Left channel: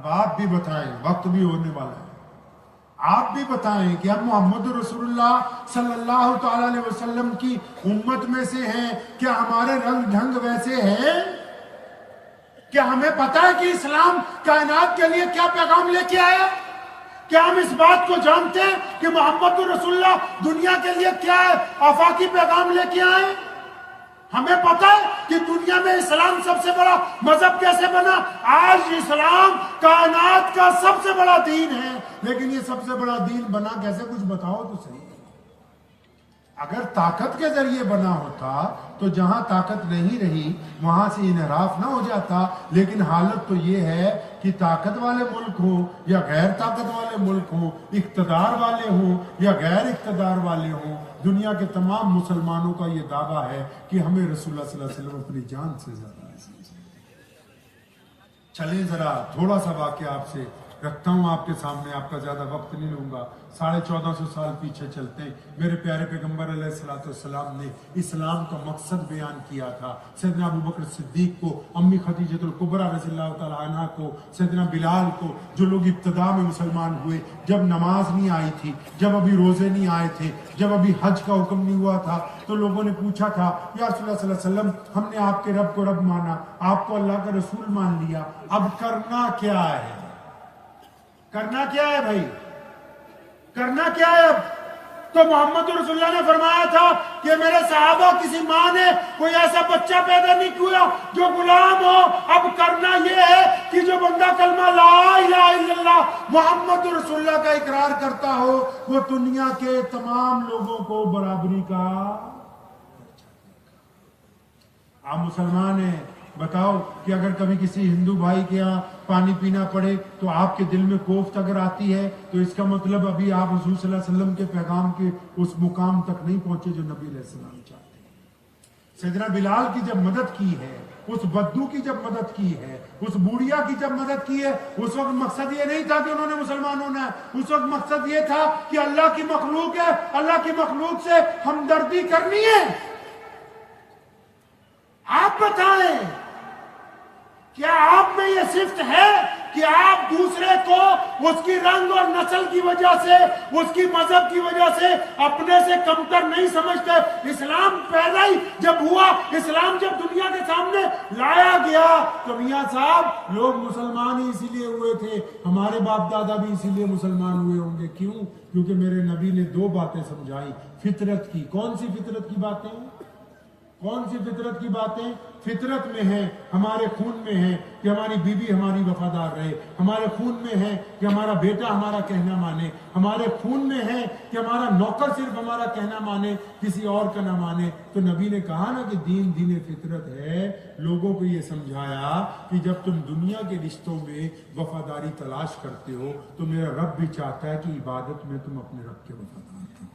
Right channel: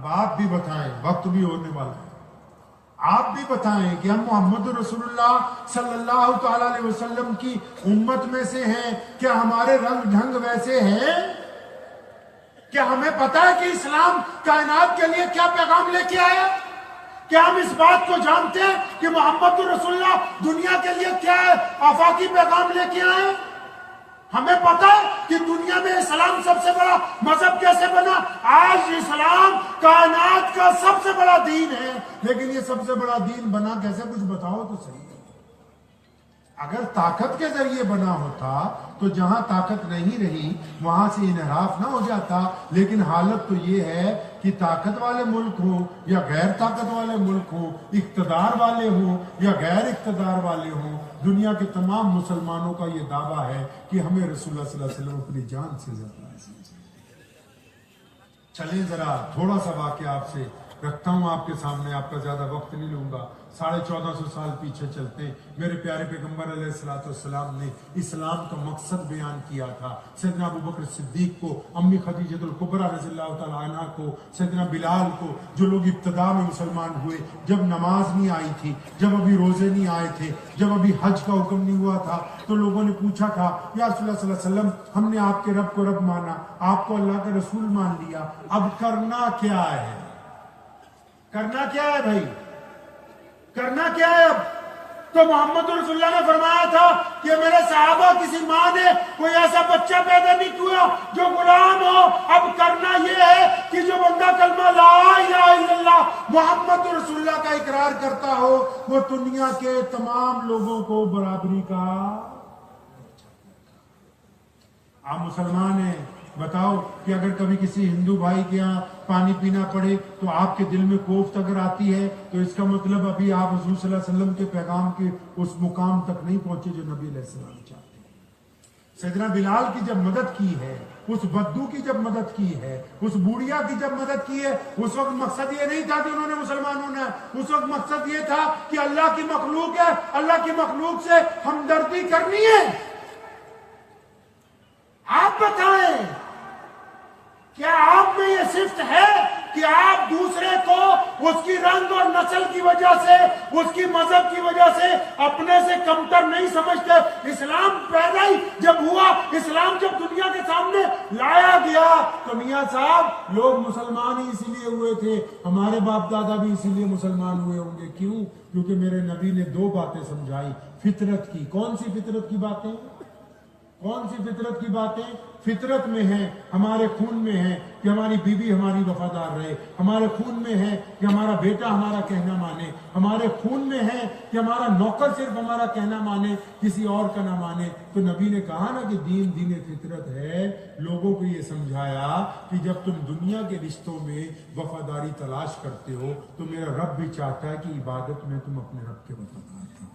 اب آپ بھی بتائیں، وقت بھی ہونے والا ہے، آپ بھی بتائیں کہ ہم محمد رسول اللہ صلی اللہ تعالی علیہ وسلم کی امت میں سے ہیں، کیا ہمارے رنگ ڈھنگ ویسے ہیں؟ کیا ہمیں پتا ہے کہ اسلام کائنات کے لیے کیا پیغام لے کے آیا؟ کیا ہم اس بات کو جانتے ہیں کہ محمد رسول اللہ دنیا کے لیے کیا آفاقی پیغام لے کے آئے؟ ہمیں پتا ہے کہ دنیا میں اسلام سب سے بڑا مذہب کیسے بنا؟ آج اسلام کائنات کا سب سے بڑا دین ہے، لیکن یہ سب سے بڑا دین بنا کیسے؟ کچھ بتاؤ تو صحیح۔ اگر طاقت کے ذریعے بنا ہوتا تو جہاں طاقت نہیں رہی وہاں سے انحراف نہ ہو جاتا، لیکن حالت تو یہ ہے کہ طاقت والے ملک ہوں یا غیر طاقت والے ملک ہوں، اقتدار والے ہوں یا غیر اقتدار والے ہوں، دنیا کے تمام مسلمانوں کا یہ دعویٰ ہے کہ ہمیں رسول اللہ صلی اللہ علیہ وسلم اپنی جان سے زیادہ ہے۔ چلیں ذرا تھوڑا سا واقعہ آپ سے رکھتا ہوں آپ کے سامنے، آپ کا زیادہ وقت نہیں لوں گا۔ 1450 سال پیچھے چلتے ہیں، میرے پیارے پیغمبر علیہ الصلوۃ والسلام نے اسلام کا مقصد بیان کیا تھا۔ سیدنا ابو بکر صدیق کو، امی خدیجہ الکبریٰ رضی اللہ تعالی عنہ کو، سیدنا بلال کو، جو لوگ ابتدا میں مسلمان ہوئے، جب نماز نہیں آئی تھی، جب ابھی روزے نہیں آئے تھے، جب ابھی حج کا حکم نہیں ہوا تھا، تو لوگوں نے پوچھا تھا یا رسول اللہ صلی اللہ علیہ وسلم ہم نے آپ کے رب کو رب مانا، آپ کو اللہ کے رسول مان لیا، اب کرنا کیا ہے؟ کرنا کیا ہے بھائی؟ کرنا کیا ہے؟ تو محمد رسول اللہ نے فرمایا تھا کہ میرے صحابہ کسی ماں نے کوئی ایسا بچہ پیدا نہیں کیا جو غلام ہو، اب کرنا یہ ہے کہ جو بندہ کلمہ لا الہ الا اللہ محمد رسول اللہ کا اقرار کرتا ہو وہ دنیا کے تمام لوگوں کو برابری کا۔ آپ مسلمان ہیں، بتاؤ کہ اگر کبھی کسی ہندو بھائی کے یہاں پانی پینا پڑے تو آپ کے دل میں کوفت اگر آتی ہے تو اس کا مطلب ابھی آپ رسول صلی اللہ علیہ وسلم کے پیغام کے اس مقام تک نہیں پہنچے جو نبی علیہ السلام چاہتے ہیں۔ سیدنا بلال کی جب مدد کی ہے، اس بدو کی جب مدد کی ہے، اس بوڑھیا کی جب مدد کی ہے، اس وقت مقصد یہ نہیں تھا کہ انہوں نے مسلمان ہونا ہے، اس وقت مقصد یہ تھا کہ اللہ کی مخلوق ہے، اللہ کی مخلوق سے ہمدردی کرنی ہے۔ آپ بتائیں کیا آپ میں یہ صفت ہے کہ آپ دوسرے کو اس کی رنگ اور نسل کی وجہ سے، اس کی مذہب کی وجہ سے اپنے سے کمتر نہیں سمجھتے؟ اسلام پیدا ہی جب ہوا، اسلام جب دنیا کے سامنے لایا گیا تو میاں صاحب لوگ مسلمان ہی اسی لیے ہوئے تھے، ہمارے باپ دادا بھی اسی لیے مسلمان ہوئے ہوں گے۔ کیوں؟ کیونکہ میرے نبی نے دو باتیں سمجھائی فطرت کی۔ کون سی فطرت کی باتیں؟ کون سی فطرت کی باتیں؟ فطرت میں ہے، ہمارے خون میں ہے کہ ہماری بیوی ہماری وفادار رہے، ہمارے خون میں ہے کہ ہمارا بیٹا ہمارا کہنا مانے، ہمارے خون میں ہے کہ ہمارا نوکر صرف ہمارا کہنا مانے، کسی اور کا نہ مانے۔ تو نبی نے کہا نا کہ دین دین فطرت ہے، لوگوں کو یہ سمجھایا کہ جب تم دنیا کے رشتوں میں وفاداری تلاش کرتے ہو تو میرا رب بھی چاہتا ہے کہ عبادت میں تم اپنے رب کے وفادار ہو۔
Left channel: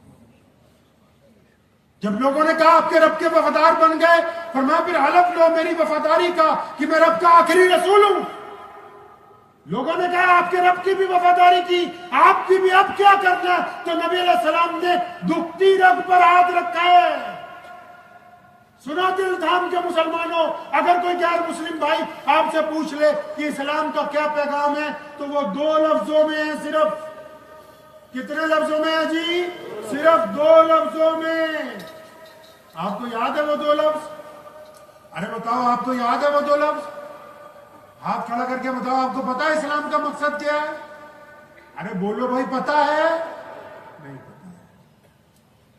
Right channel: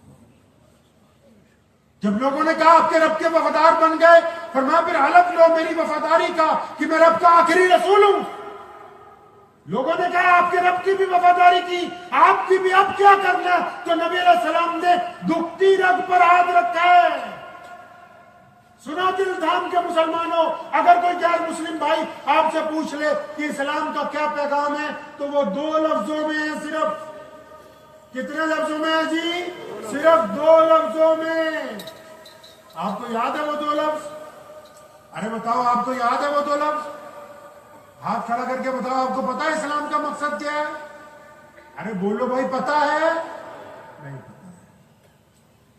جب لوگوں نے کہا آپ کے رب کے وفادار بن گئے، فرمایا پھر حلف لو میری وفاداری کا کہ میں رب کا آخری رسول ہوں۔ لوگوں نے کہا آپ کے رب کی بھی وفاداری کی، آپ کی بھی اب کیا کرنا؟ تو نبی علیہ السلام نے دکھتی رگ پر ہاتھ رکھا ہے۔ سنا دل تھام کے مسلمانوں، اگر کوئی غیر مسلم بھائی آپ سے پوچھ لے کہ اسلام کا کیا پیغام ہے تو وہ دو لفظوں میں ہے صرف۔ کتنے لفظوں میں ہے جی؟ صرف دو لفظوں میں۔ آپ کو یاد ہے وہ دو لفظ؟ ارے بتاؤ آپ کو یاد ہے وہ دو لفظ؟ ہاتھ کھڑا کر کے بتاؤ آپ کو پتا ہے اسلام کا مقصد کیا ہے؟ ارے بولو بھائی، پتا ہے؟ نہیں پتا ہے۔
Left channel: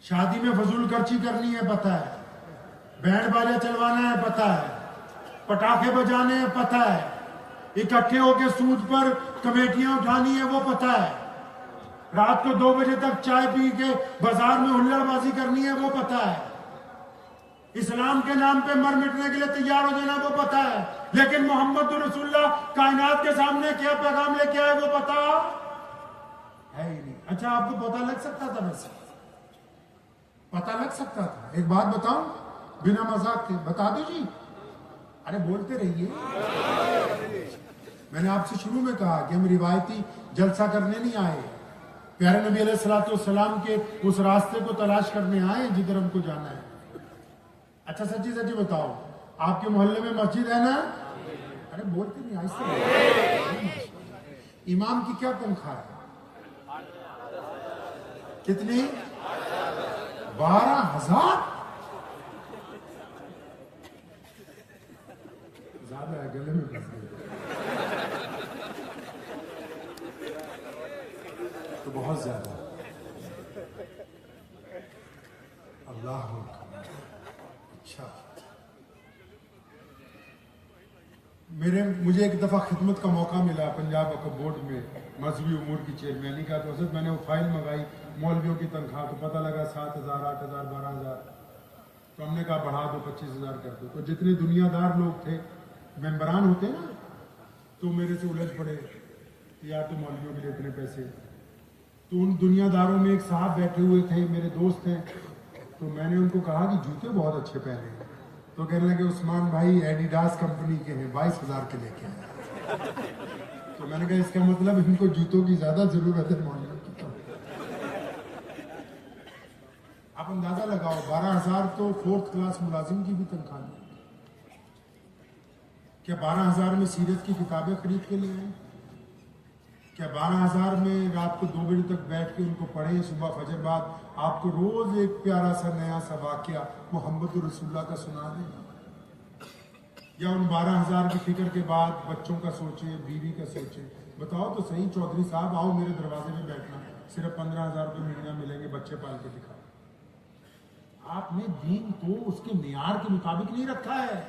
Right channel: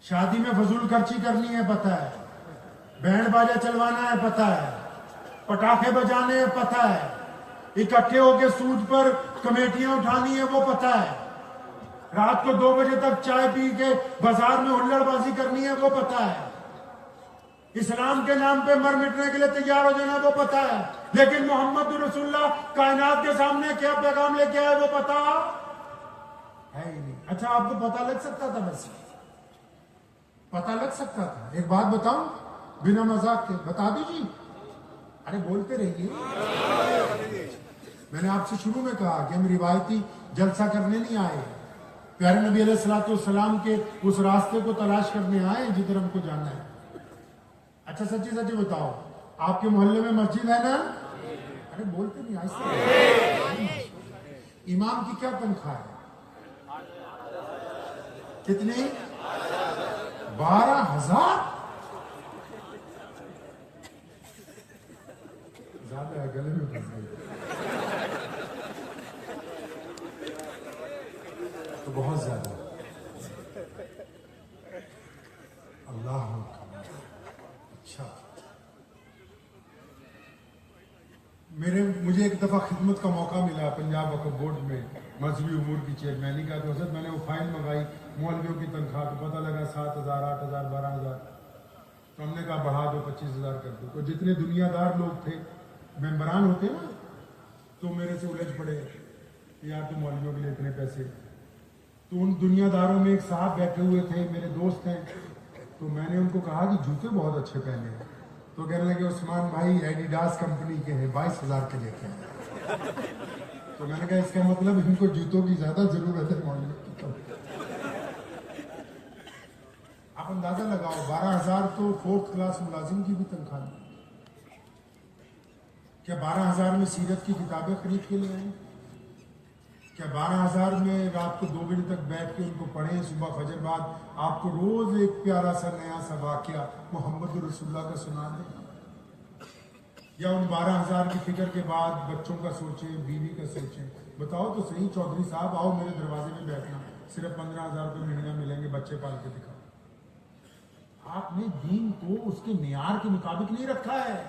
شادی میں فضول خرچی کرنی ہے پتا ہے، بینڈ باجا چلوانا ہے پتا ہے، پٹاخے بجانے ہیں پتا ہے، اکٹھے ہو کے سود پر کمیٹیاں اٹھانی ہے وہ پتا ہے، رات کو 2 بجے تک چائے پی کے بازار میں ہلڑ بازی کرنی ہے وہ پتا ہے، اسلام کے نام پہ مر مٹنے کے لیے تیار ہو جانا وہ پتا ہے، لیکن محمد رسول اللہ کائنات کے سامنے کیا پیغام لے کے آئے وہ پتا ہے ہی نہیں۔ اچھا آپ کو پتا لگ سکتا تھا؟ ویسے پتا لگ سکتا تھا؟ ایک بات بتاؤں بنا مذاق کے، بتا دو جی، ارے بولتے رہیے۔ میں نے آپ سے شروع میں کہا کہ ہم روایتی جلسہ کرنے نہیں آئے، پیارے نبی علیہ الصلوۃ والسلام کے اس راستے کو تلاش کرنے آئے ہیں جدھر ہم کو جانا ہے۔ اچھا سچی سچی بتاؤ، آپ کے محلے میں مسجد ہے نا؟ ارے بولتے نہیں، امام کی کیا تنخواہ ہے؟ کتنی؟ 12,000؟ زیادہ ہے، گلے میں پھنس گئے تو بہت زیادہ۔ اللہ اکبر۔ اچھا، مجھے ایک دفعہ خدمت کا موقع ملا پنجاب وقف بورڈ میں مذہبی امور کی چیئرمینی کا، تو حضرت میں نے وہ فائل منگائی مولویوں کی تنخواہ، تو پتہ لگا 7,000 8,000 12,000، تو ہم نے کہا بڑھا دو 25,000 کر دو۔ تو جتنے دنیا دار لوگ تھے، ممبران ہوتے نا، تو میرے سے الجھ پڑے یا تو مولویوں کے لیے اتنے پیسے۔ تو ان دنیا داروں میں ایک صاحب بیٹھے ہوئے تھے، میرے دوست ہیں، تو میں نے ان کو کہا کہ جوتے بہت اچھے پہنے ہیں، تو کہنے لگے عثمان بھائی ایڈیڈاس کمپنی کے ہیں، 22,000 کے لیتے ہیں۔ تو میں نے کہا اس کا مطلب ان کو جوتوں کی زیادہ ضرورت ہے۔ آپ اندازہ لگاؤ، 12,000 تو 4th کلاس ملازم کی بھی تنخواہ ہے۔ کیا 12,000 میں سیرت کی کتابیں خرید کے لے آئیں؟ کیا 12,000 میں رات کو 2 بجے تک بیٹھ کے ان کو پڑھیں، صبح فجر بعد آپ کو روز ایک پیارا سا نیا سا واقعہ محمد رسول اللہ کا سنا دیں؟ یا ان 12,000 کی فکر کے بعد بچوں کا سوچیں، بیوی کا سوچیں؟ بتاؤ تو صحیح چودھری صاحب، آؤ میرے دروازے پہ بیٹھنا، صرف 15,000 روپے مہینہ ملیں گے، بچے پال کے دکھاؤ۔ آپ نے دین کو اس کے معیار کے مطابق نہیں رکھا ہے۔